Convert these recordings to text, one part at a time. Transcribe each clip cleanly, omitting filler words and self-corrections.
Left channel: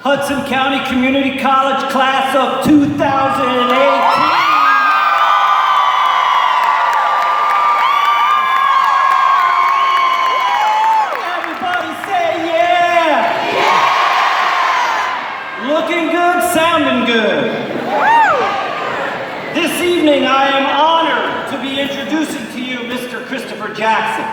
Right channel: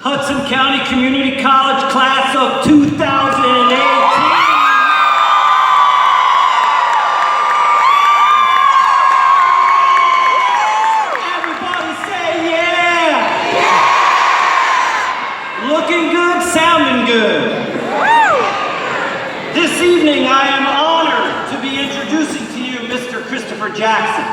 Hudson County Community College class of 2018. Looking good, sounding good. This evening, I am honored to be introducing to you Mr. Christopher Jackson.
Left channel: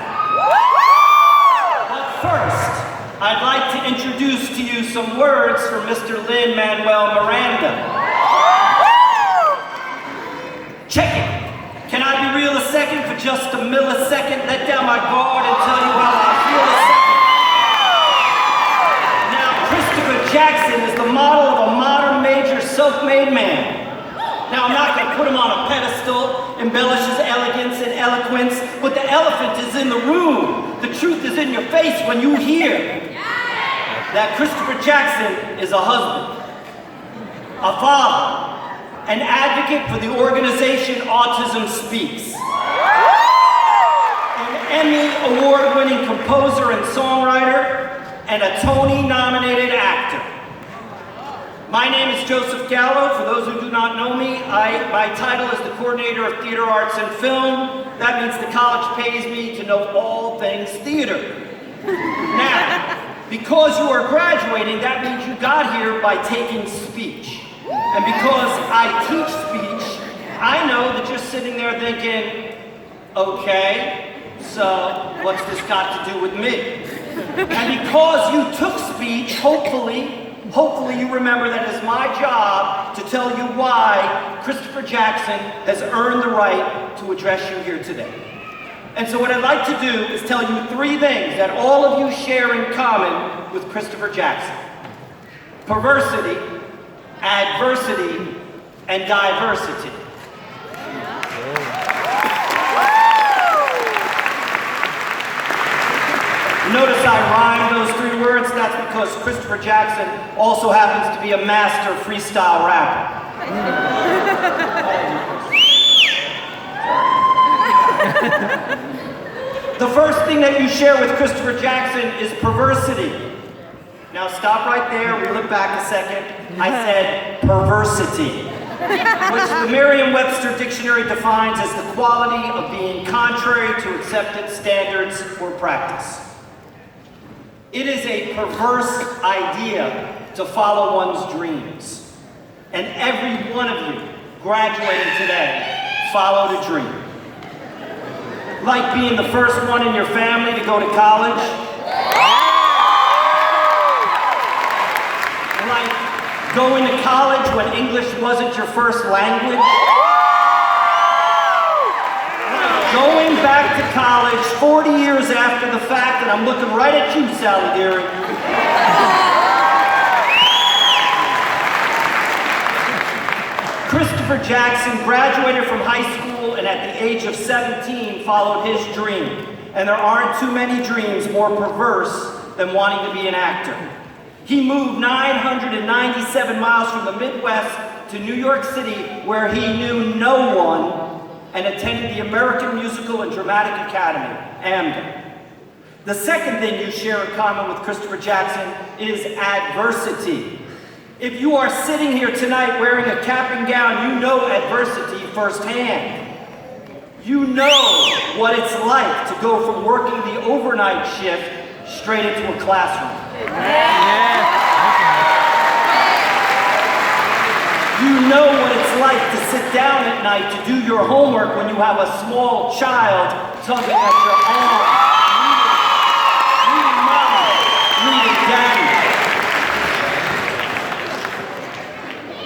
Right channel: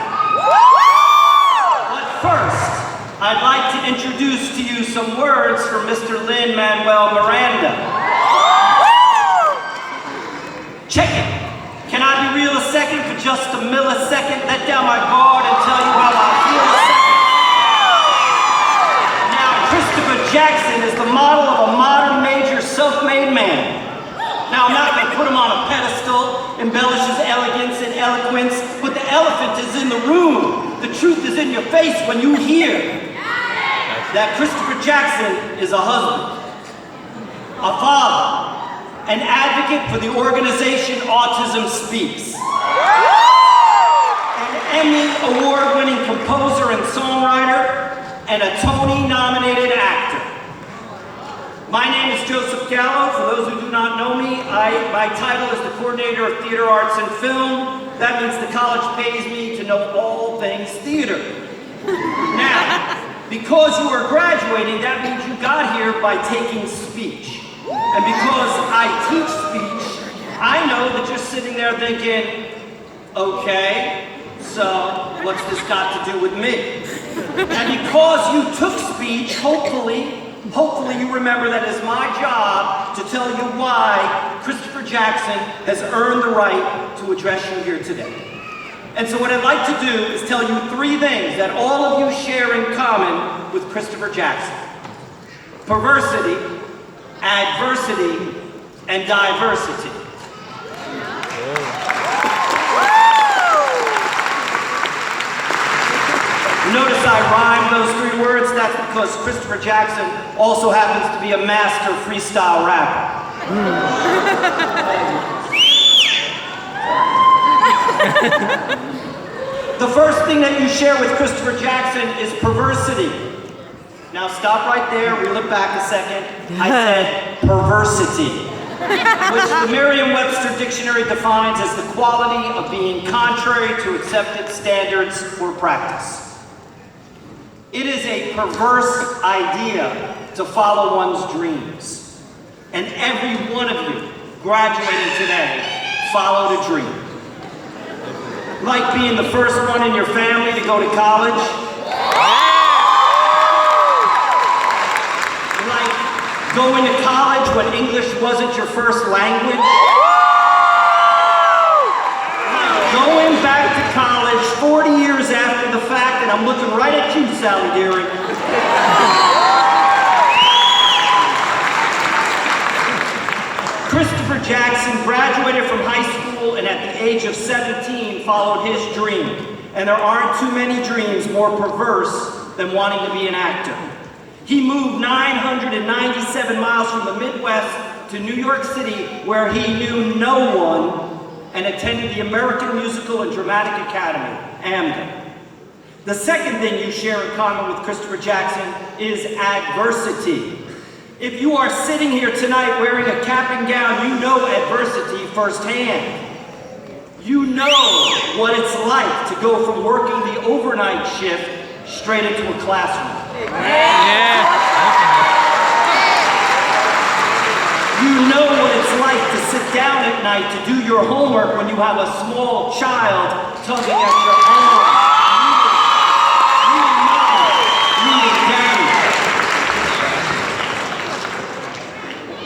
But first, I'd like to introduce to you some words from Mr. Lin-Manuel Miranda. Check it. Can I be real a second for just a millisecond? Let down my guard and tell you how I feel a second. Christopher Jackson is the model of a modern major self-made man. Now, I'm not going to put him on a pedestal, embellish his elegance and eloquence, but the elephant is in the room. The truth is in your face when you hear that Christopher Jackson is a husband, a father, an advocate for the organization Autism Speaks, an Emmy award-winning composer and songwriter, and a Tony-nominated actor. My name is Joseph Gallo. For those who do not know me, my title is the Coordinator of Theater Arts and Film. That means the college pays me to know all things theater. Now, because you are graduating, that means you got here by taking speech. And because I teach speech, I know that you're sitting there thinking, okay, so what's this got to do with me? And because you took speech, hopefully you remember that it's my job to tell you why Christopher Jackson has earned the right to address you here today. And so what I'd like to do is tell you three things that all of you share in common with Christopher Jackson: perversity, adversity, and diversity. Notice I rhyme those three words. That's because Christopher Jackson also happens to be a master freestyle rapper. The first thing that you share with Christopher Jackson is perversity. Now stop right there, reel it back a second. I said perversity, which the Merriam-Webster dictionary defines as the quality of being contrary to accepted standards or practice. It is a perverse idea to follow one's dreams. And every one of you graduating today followed a dream. Like being the first one in your family to go to college. Like going to college when English wasn't your first language. Going back to college 40 years after the fact, and I'm looking right at you, Sally Deary. Christopher Jackson graduated from high school and at the age of 17 followed his dream. And there aren't too many dreams more perverse than wanting to be an actor. He moved 997 miles from the Midwest to New York City, where he knew no one, and attended the American Musical and Dramatic Academy, AMDA. The second thing you share in common with Christopher Jackson is adversity. If you are sitting here tonight wearing a cap and gown, you know adversity firsthand. You know what it's like to go from working the overnight shift straight into a classroom. You know what it's like to sit down at night to do your homework when you have a small child tugging at your arm, reading mom, reading daddy.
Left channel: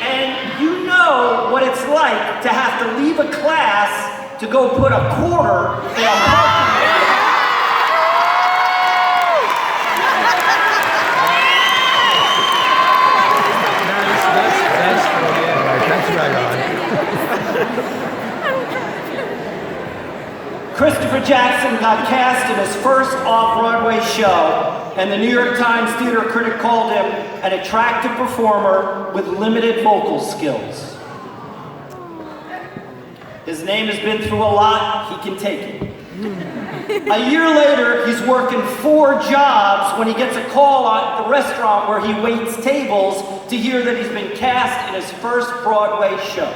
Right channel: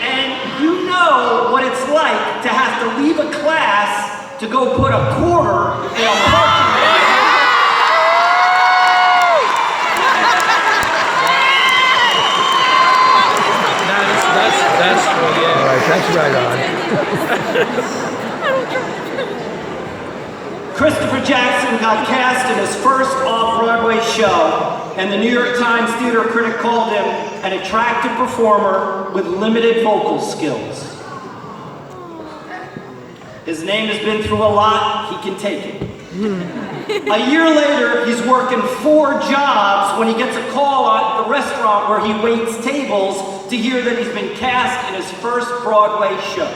And you know what it's like to have to leave a class to go put a quarter in a parking lot. That's right on. Christopher Jackson got cast in his first off-Broadway show, and the New York Times theater critic called him an attractive performer with limited vocal skills. His name has been through a lot, he can take it. A year later, he's working 4 jobs when he gets a call at the restaurant where he waits tables to hear that he's been cast in his first Broadway show.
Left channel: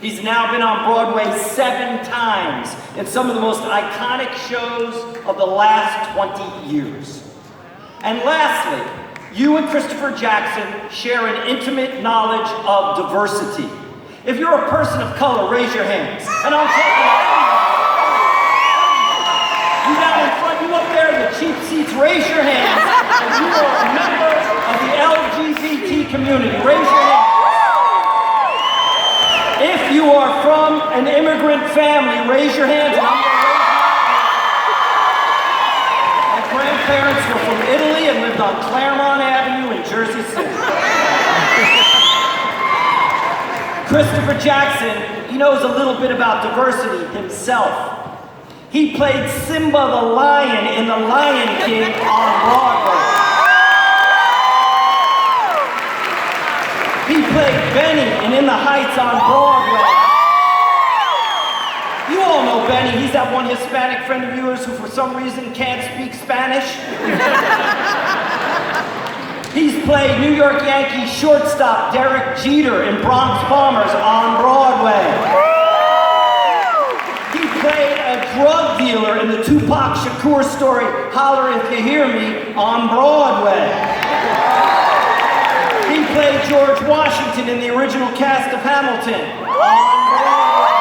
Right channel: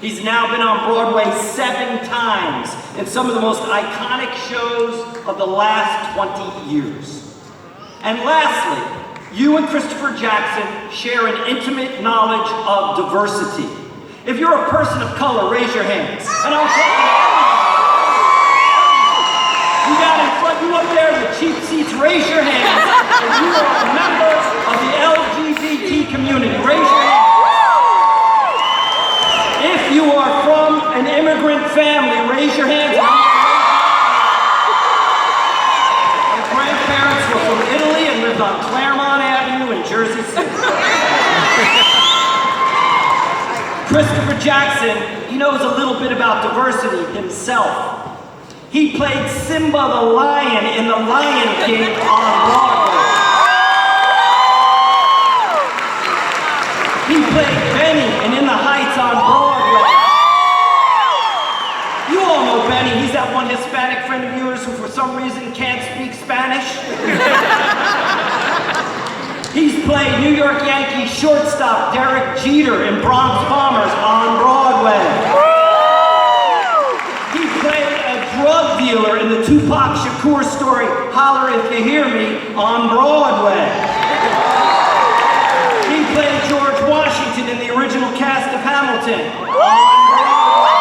He's now been on Broadway 7 times in some of the most iconic shows of the last 20 years. And lastly, you and Christopher Jackson share an intimate knowledge of diversity. If you're a person of color, raise your hands. And I'm talking you got in front, you up there in the cheap seats, raise your hands. If you are a member of the LGBT community, raise your hands. If you are from an immigrant family, raise your hands. My grandparents were from Italy and lived on Claremont Avenue in Jersey City. Christopher Jackson, he knows a little bit about diversity himself. He played Simba the Lion in The Lion King on Broadway. He played Benny in the Heights on Broadway. You all know Benny. He's that one Hispanic friend of yours who for some reason can't speak Spanish. He's played New York Yankees shortstop Derek Jeter in Bronx Bombers on Broadway. He played a drug dealer in the Tupac Shakur story Holler If You Hear Me on Broadway. He played George Washington in the original cast of Hamilton on Broadway.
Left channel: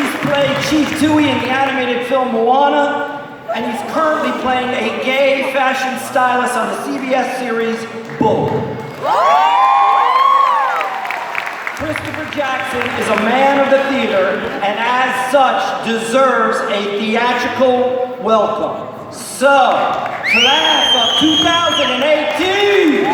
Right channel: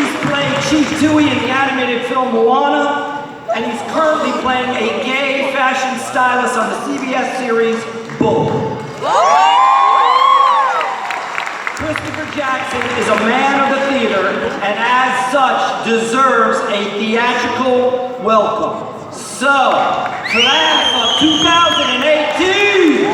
He's played Chief Dewey in the animated film Moana. And he's currently playing a gay fashion stylist on the CBS series Bull. Christopher Jackson is a man of the theater and as such deserves a theatrical welcome. So, class of 2018!